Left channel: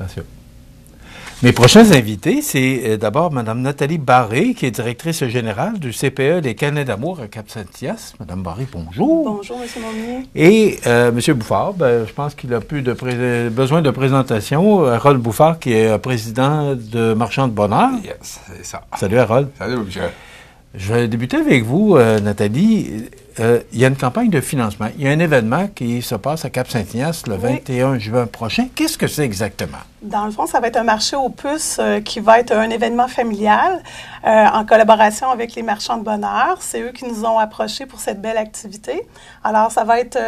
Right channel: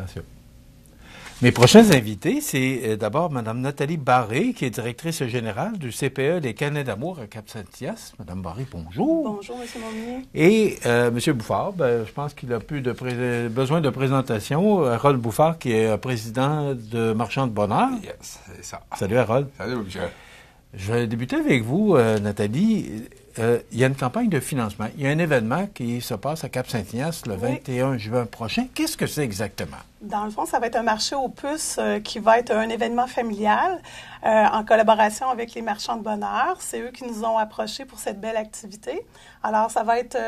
Attention. Mes prochains invités, c'est d'abord Mme Nathalie Barré, qui est directrice générale du CPE des Câlins d'amour à Cap-Saint-Hyacinthe. Mme Barré, bonjour. Bonjour, M. Monnier. Et M. Bouffard, je pense qu'il a plus besoin de présentation. Harold Bouffard, qui est président de Marchands de Bonheur. Yes, c'est ça. Salut, Harold. Salut, monsieur. Je vais débuter avec vous, Nathalie. Il y a une campagne de financement. Il y a un événement qui se passe à Cap-Saint-Ignace le 21 juin prochain. Qu'est-ce que c'est exactement? Dans le fond, ça va être un marché aux puces qui va être un événement familial en collaboration avec les Marchands de Bonheur. C'est eux qui nous ont approchés pour cette belle activité. Alors, ça va être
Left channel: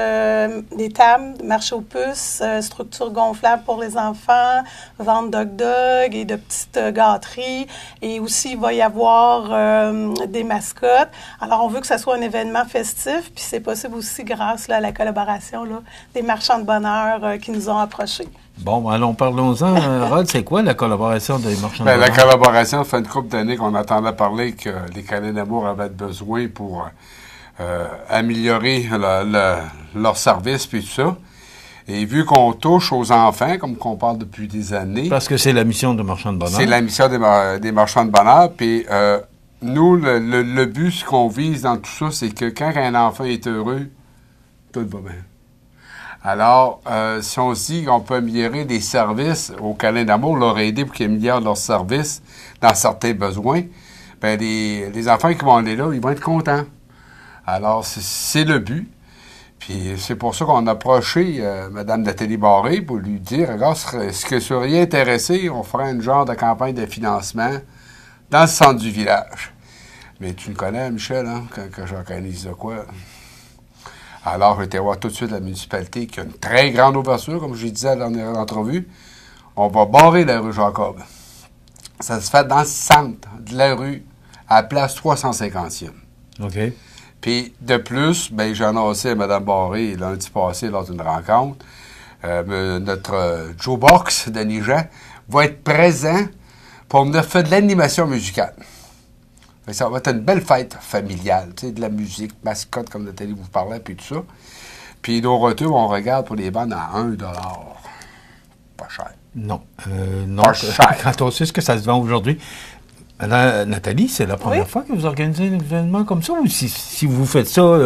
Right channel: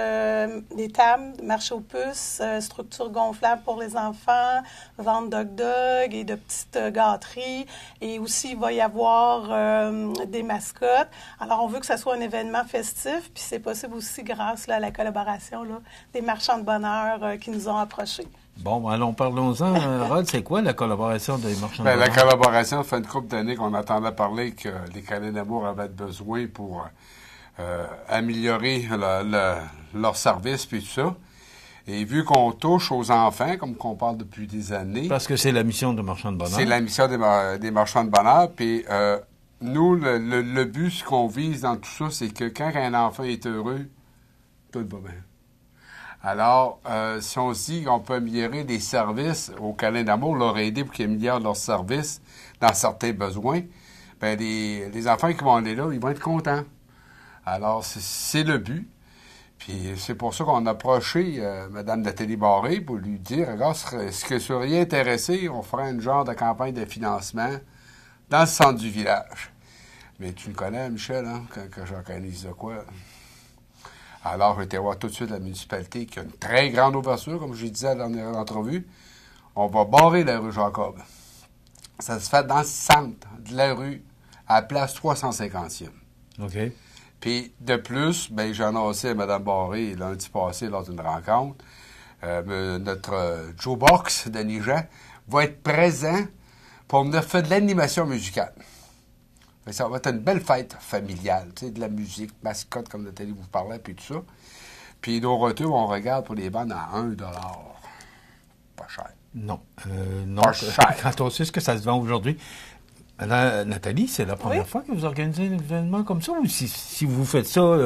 des tables, marché aux puces, structures gonflables pour les enfants, vente d'hot-dog et de petites gâteries. Et aussi, il va y avoir des mascottes. Alors, on veut que ça soit un événement festif, puis c'est possible aussi grâce à la collaboration des Marchands de Bonheur qui nous ont approchés. Bon, allons, parlons-en. Rod, c'est quoi la collaboration des Marchands de Bonheur? La collaboration, ça fait une couple d'années qu'on entendait parler que les Câlins d'amour avaient besoin pour améliorer leur service puis tout ça. Et vu qu'on touche aux enfants, comme qu'on parle depuis des années... Parce que c'est la mission de Marchands de Bonheur. C'est la mission des Marchands de Bonheur. Puis nous, le but, ce qu'on vise dans tout ça, c'est que quand un enfant est heureux, tout va bien. Alors, si on se dit qu'on peut améliorer des services aux Câlins d'amour, leur aider pour qu'ils améliorent leurs services dans certains besoins, bien, les enfants qui vont aller là, ils vont être contents. Alors, c'est le but. Puis, c'est pour ça qu'on a approché Mme Nathalie Barré pour lui dire, regarde, est-ce que tu serais intéressé, on ferait une genre de campagne de financement dans le centre du village. Mais tu me connais, Michel, hein, quand j'organise de quoi. Alors, j'ai été voir tout de suite la municipalité qui a une très grande ouverture, comme je disais à la dernière entrevue. On va barrer la rue Jacob. Ça se fait dans le centre de la rue, à la place 350e. OK. Puis, de plus, ben, j'ai annoncé à Mme Barré lundi passé lors d'une rencontre, notre Joe Box, Denis Jean, va être présent pour venir faire de l'animation musicale. Ça va être une belle fête familiale, tu sais, de la musique, mascotte, comme Nathalie vous parlait, puis tout ça. Puis nos retours, on regarde pour les vendre à 1 $. Pas cher. Non. Pas cher. Quand on sait ce que ça se vend aujourd'hui. Nathalie, c'est la première fois que vous organisez un événement comme ça? Ou si vous faites ça,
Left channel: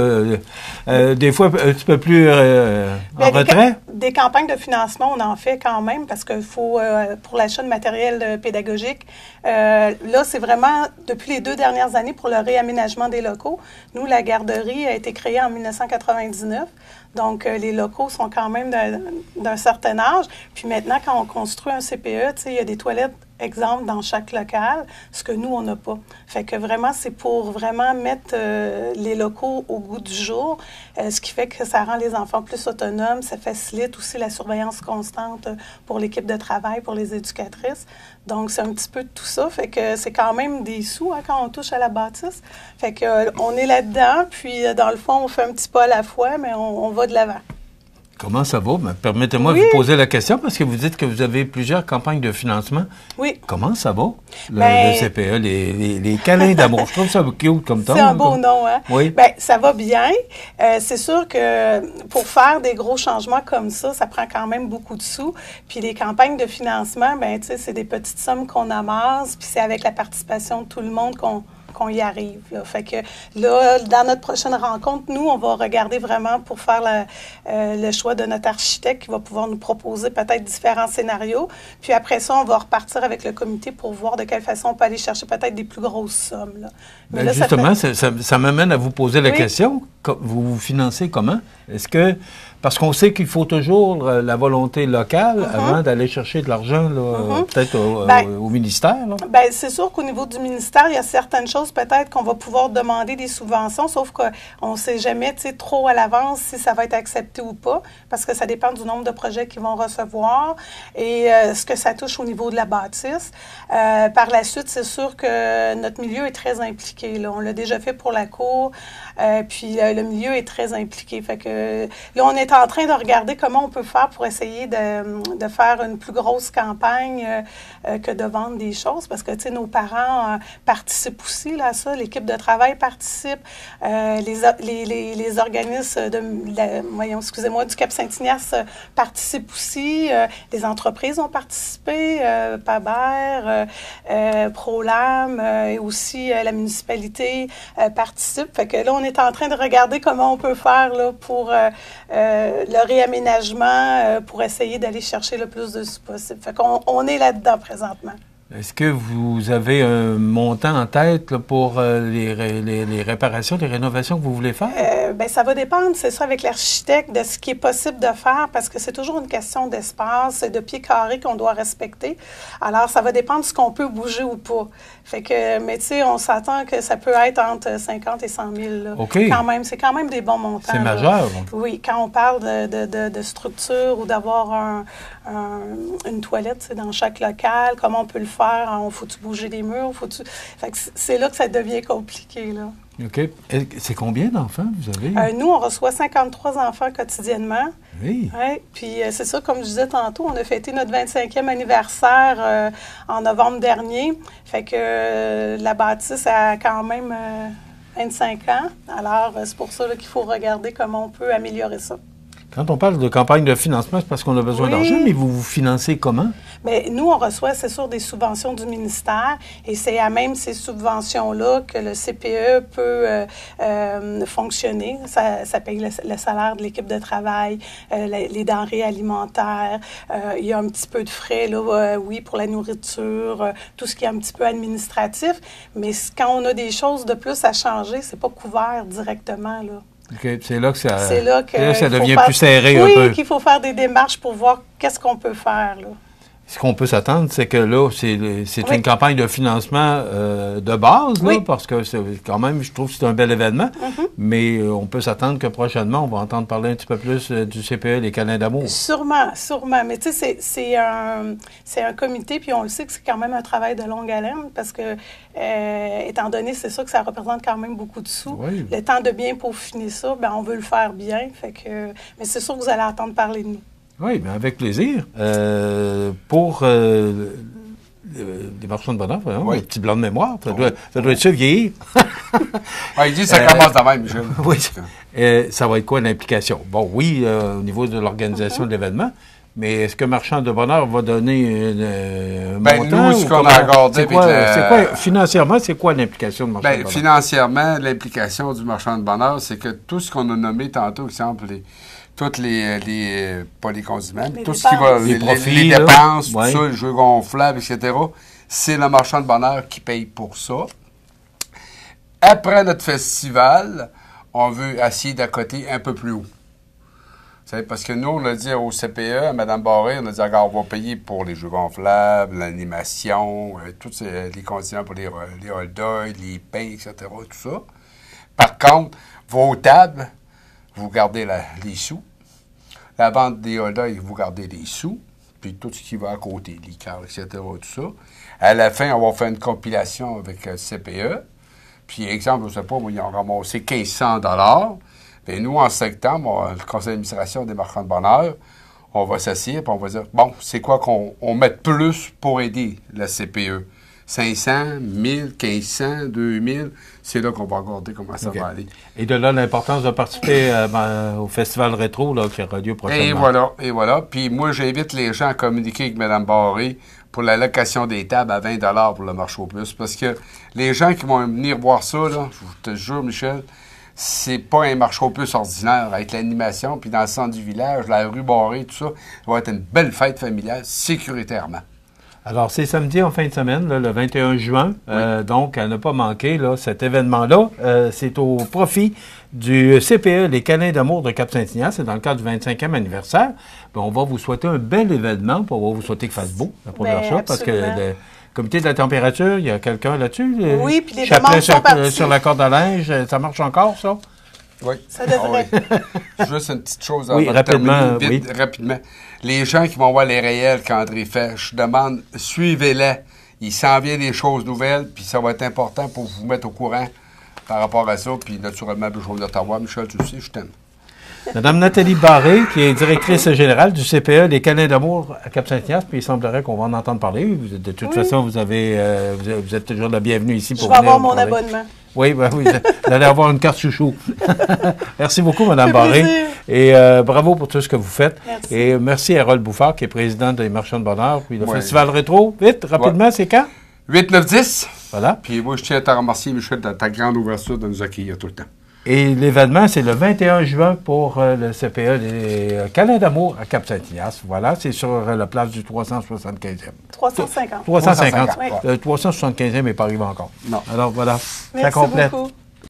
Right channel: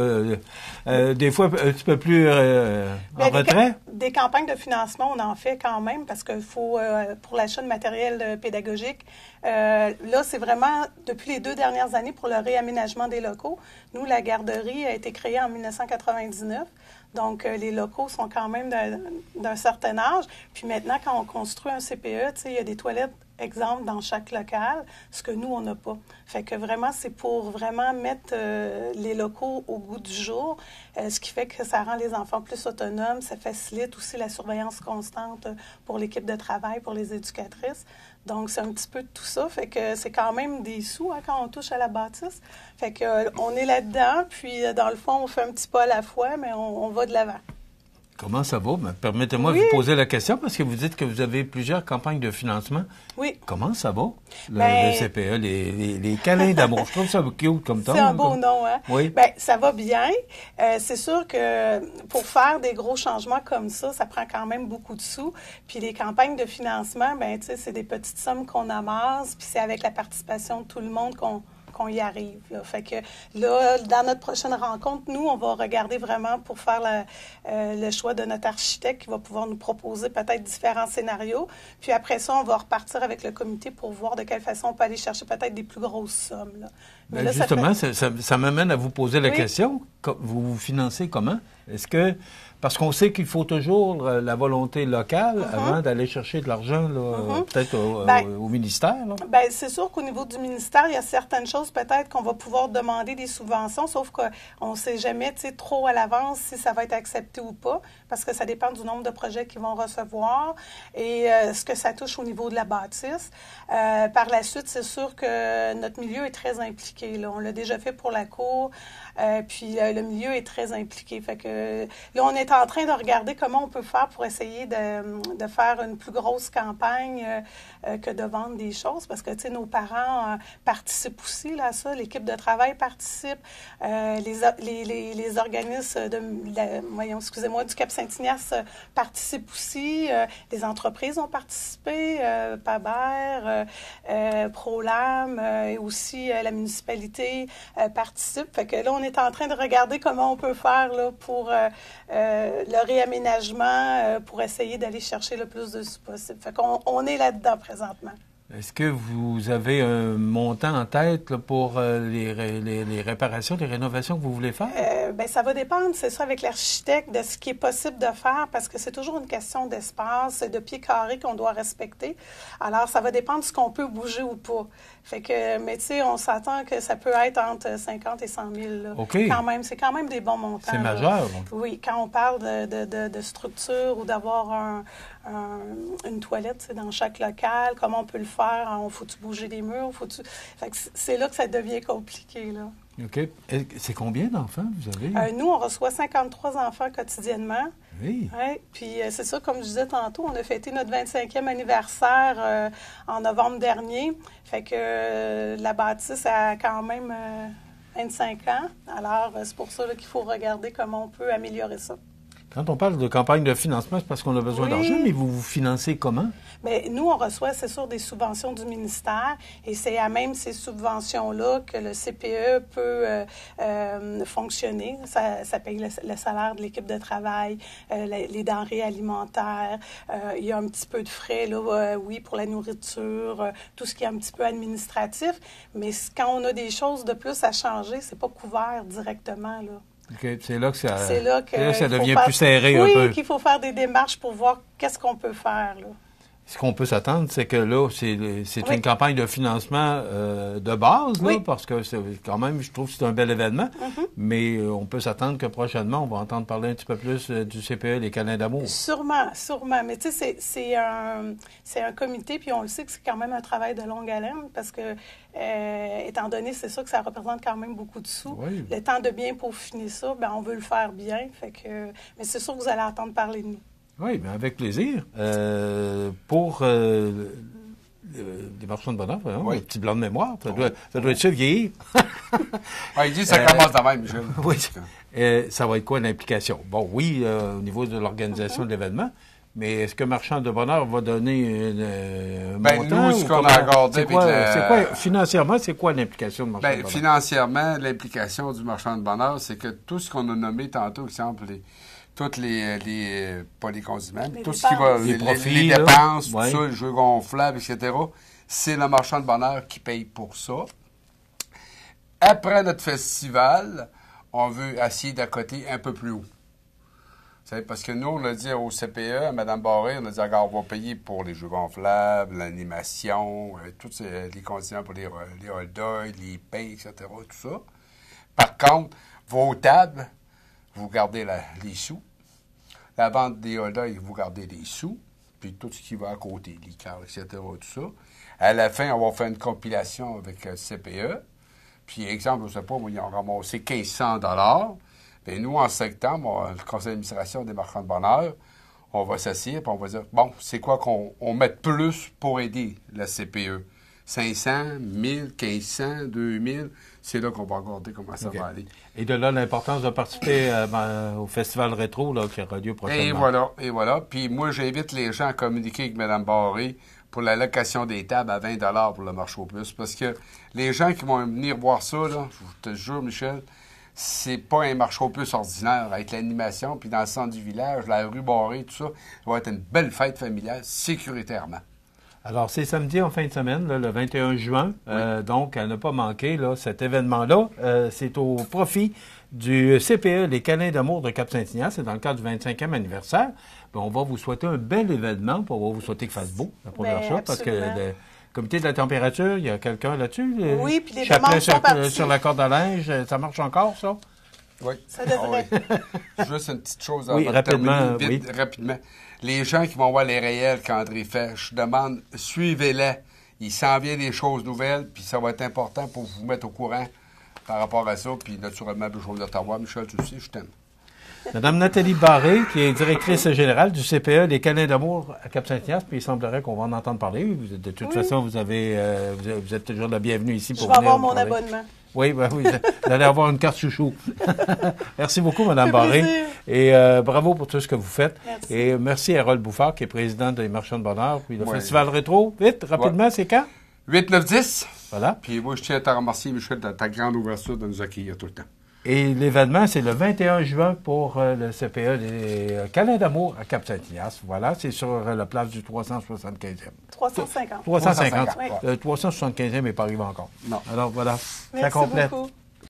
des fois, un petit peu plus en retrait? Des campagnes de financement, on en fait quand même parce qu'il faut, pour l'achat de matériel pédagogique, là, c'est vraiment, depuis les 2 dernières années, pour le réaménagement des locaux. Nous, la garderie a été créée en 1999. Donc, les locaux sont quand même d'un certain âge. Puis maintenant, quand on construit un CPE, tu sais, il y a des toilettes, exemple, dans chaque local, ce que nous, on n'a pas. Fait que vraiment, c'est pour vraiment mettre les locaux au goût du jour, ce qui fait que ça rend les enfants plus autonomes, ça facilite aussi la surveillance constante pour l'équipe de travail, pour les éducatrices. Donc, c'est un petit peu de tout ça. Fait que c'est quand même des sous quand on touche à la bâtisse. Fait que on est là-dedans, puis dans le fond, on fait un petit pas à la fois, mais on va de l'avant. Comment ça va? Permettez-moi de vous poser la question parce que vous dites que vous avez plusieurs campagnes de financement. Oui. Comment ça va, le CPE, les câlins d'amour? Je trouve ça cute comme temps. C'est un beau nom, hein? Oui. Bien, ça va bien. C'est sûr que pour faire des gros changements comme ça prend quand même beaucoup de sous. Puis les campagnes de financement, bien, tu sais, c'est des petites sommes qu'on amasse, puis c'est avec la participation de tout le monde qu'on y arrive. Là. Fait que là, dans notre prochaine rencontre, nous, on va regarder vraiment pour faire le choix de notre architecte qui va pouvoir nous proposer peut-être différents scénarios. Puis après ça, on va repartir avec le comité pour voir de quelle façon on peut aller chercher peut-être des plus grosses sommes. Là. Mais là, justement, ça m'amène à vous poser la question. Vous vous financez comment? Est-ce que... Parce qu'on sait qu'il faut toujours la volonté locale avant d'aller chercher de l'argent, peut-être au ministère. Bien, c'est sûr qu'au niveau du ministère, il y a certaines choses peut-être qu'on va pouvoir demander des subventions, sauf qu'on ne sait jamais trop à l'avance si ça va être accepté ou pas, parce que ça dépend du nombre de projets qu'ils vont recevoir et ce que ça touche au niveau de la bâtisse. Par la suite, c'est sûr que notre milieu est très impliqué. Là. On l'a déjà fait pour la cour, puis le milieu est très impliqué. Fait que là, on est en train de regarder comment on peut faire pour essayer de faire une plus grosse campagne que de vendre des choses, parce que, tu sais, nos parents participent aussi là, à ça. L'équipe de travail participe. Les organismes du Cap-Saint-Ignace participent aussi. Les entreprises ont participé, Paber, Prolam et aussi la municipalité participe. Fait que là, on est en train de regarder comment on peut faire là, pour le réaménagement, pour essayer d'aller chercher le plus de sous possible. Fait qu'on est là-dedans présentement. Est-ce que vous avez un montant en tête là, pour les réparations, les rénovations que vous voulez faire? Bien, ça va dépendre, c'est ça, avec l'architecte, de ce qui est possible de faire, parce que c'est toujours une question d'espace et de pieds carrés qu'on doit respecter. Alors, ça va dépendre de ce qu'on peut bouger ou pas. Fait que, mais tu sais, on s'attend que ça peut être entre 50 et 100 000. Là. OK. C'est quand même des bons montants. C'est majeur. Là. Oui, quand on parle de structure ou d'avoir une toilette dans chaque local, comment on peut le faire? Faut-tu bouger des murs? Fait que c'est là que ça devient compliqué, là. OK. C'est combien d'enfants vous avez? Nous, on reçoit 53 enfants quotidiennement. Oui. Ouais, puis c'est ça, comme je disais tantôt, on a fêté notre 25e anniversaire en novembre dernier. Fait que la bâtisse a quand même 25 ans. Alors, c'est pour ça là, qu'il faut regarder comment on peut améliorer ça. Quand on parle de campagne de financement, c'est parce qu'on a besoin d'argent, mais vous financez comment? Bien, nous, on reçoit, c'est sûr, des subventions du ministère et c'est à même ces subventions-là que le CPE peut fonctionner. Ça paye le salaire de l'équipe de travail, les denrées alimentaires. Il y a un petit peu de frais, là, oui, pour la nourriture, tout ce qui est un petit peu administratif. Mais quand on a des choses de plus à changer, c'est pas couvert directement, là. OK. C'est là que ça, ça devient plus serré un peu. Oui, qu'il faut faire des démarches pour voir qu'est-ce qu'on peut faire, là. Ce qu'on peut s'attendre, c'est que là, c'est une campagne de financement de base, là, parce que c'est quand même, je trouve que c'est un bel événement, mais on peut s'attendre que prochainement, on va entendre parler un petit peu plus du CPE, les câlins d'amour. Sûrement. Mais tu sais, c'est un comité, puis on le sait que c'est quand même un travail de longue haleine, parce que, étant donné, c'est sûr que ça représente quand même beaucoup de sous. Oui. Le temps de bien peaufiner ça, bien, on veut le faire bien, mais c'est sûr que vous allez entendre parler de nous. Oui, bien avec plaisir. Pour les marchands de bonheur, le petit blanc de mémoire, ça doit être ça, vieillir. Il dit que ça commence de même, Michel. Oui. Ça va être quoi l'implication? Bon, oui, au niveau de l'organisation de l'événement, mais est-ce que Marchand de bonheur va donner un montant? Nous, ce qu'on a accordé... Financièrement, c'est quoi l'implication de Marchand de bonheur? Financièrement, l'implication du Marchand de bonheur, c'est que tout ce qu'on a nommé tantôt, exemple, toutes pas les condiments, tout ce qui va, les profits, les dépenses, tout ça, les jeux gonflables, etc., c'est le Marchand de bonheur qui paye pour ça. Après notre festival, on veut essayer d'accoter un peu plus haut. Parce que nous, on a dit au CPE, à Mme Barré, on a dit, regarde, on va payer pour les jeux gonflables, l'animation, tous les condiments pour les hot dogs, les pains, etc., tout ça. Par contre, vos tables, vous gardez les sous. La vente des hot dogs, vous gardez les sous. Puis tout ce qui va à côté, les cartes, etc., tout ça. À la fin, on va faire une compilation avec CPE. Puis, exemple, je ne sais pas, moi, ils ont ramassé 1500 $. Et nous, en septembre, le conseil d'administration des Marchands de bonheur, on va s'assier et on va dire, bon, c'est quoi qu'on met plus pour aider la CPE? 500, 1000, 1500, 2000, c'est là qu'on va regarder comment ça va aller. Et de là, l'importance de participer au Festival Rétro là, qui aura lieu prochainement. Et voilà. Puis moi, j'invite les gens à communiquer avec Mme Barré pour la location des tables à 20 $ pour le marché aux puces. Parce que les gens qui vont venir voir ça, là, je te jure, Michel, c'est pas un marché aux puces ordinaire avec l'animation, puis dans le centre du village, la rue Barré, tout ça, ça va être une belle fête familiale, sécuritairement. Alors, c'est samedi en fin de semaine, là, le 21 juin. Donc, à ne pas manquer là, cet événement-là. C'est au profit du CPE, les câlins d'amour de Cap-Saint-Ignace. C'est dans le cadre du 25e anniversaire. Bien, on va vous souhaiter un bel événement. On va vous souhaiter qu'il fasse beau, la première chose, parce que le comité de la température, il y a quelqu'un là-dessus? Oui, puis les demandes sont parties. Sur la corde à linge, ça marche encore, ça? Oui. Ça devrait. Juste une petite chose avant de terminer, rapidement. Les gens qui vont voir les réels qu'André fait, je demande, suivez-les. Il s'en vient des choses nouvelles, puis ça va être important pour vous mettre au courant par rapport à ça. Puis naturellement, je vais d'Ottawa. Michel, tu le sais, je t'aime. Madame Nathalie Barré, qui est directrice générale du CPE des Câlins d'amour à Cap-Saint-Ignace, puis il semblerait qu'on va en entendre parler. De toute façon, vous êtes toujours la bienvenue ici pour venir. Je vais avoir mon parler. abonnement. Oui, ben oui, vous allez avoir une carte chouchou. Merci beaucoup, Mme Barré. Et bravo pour tout ce que vous faites. Merci. Et merci à Harold Bouffard, qui est président des Marchands de Bonheur. Puis le Festival Rétro, vite, rapidement, c'est quand? 8, 9, 10. Voilà. Puis moi, je tiens à te remercier, Michel, de ta grande ouverture de nous accueillir tout le temps. Et l'événement, c'est le 21 juin pour le CPE des Câlins d'amour à Cap-Saint-Ignace. Voilà, c'est sur la place du 375e. 350. 350. Oui. Le 375e n'est pas arrivé encore. Non. Alors voilà, Merci ça complète. beaucoup.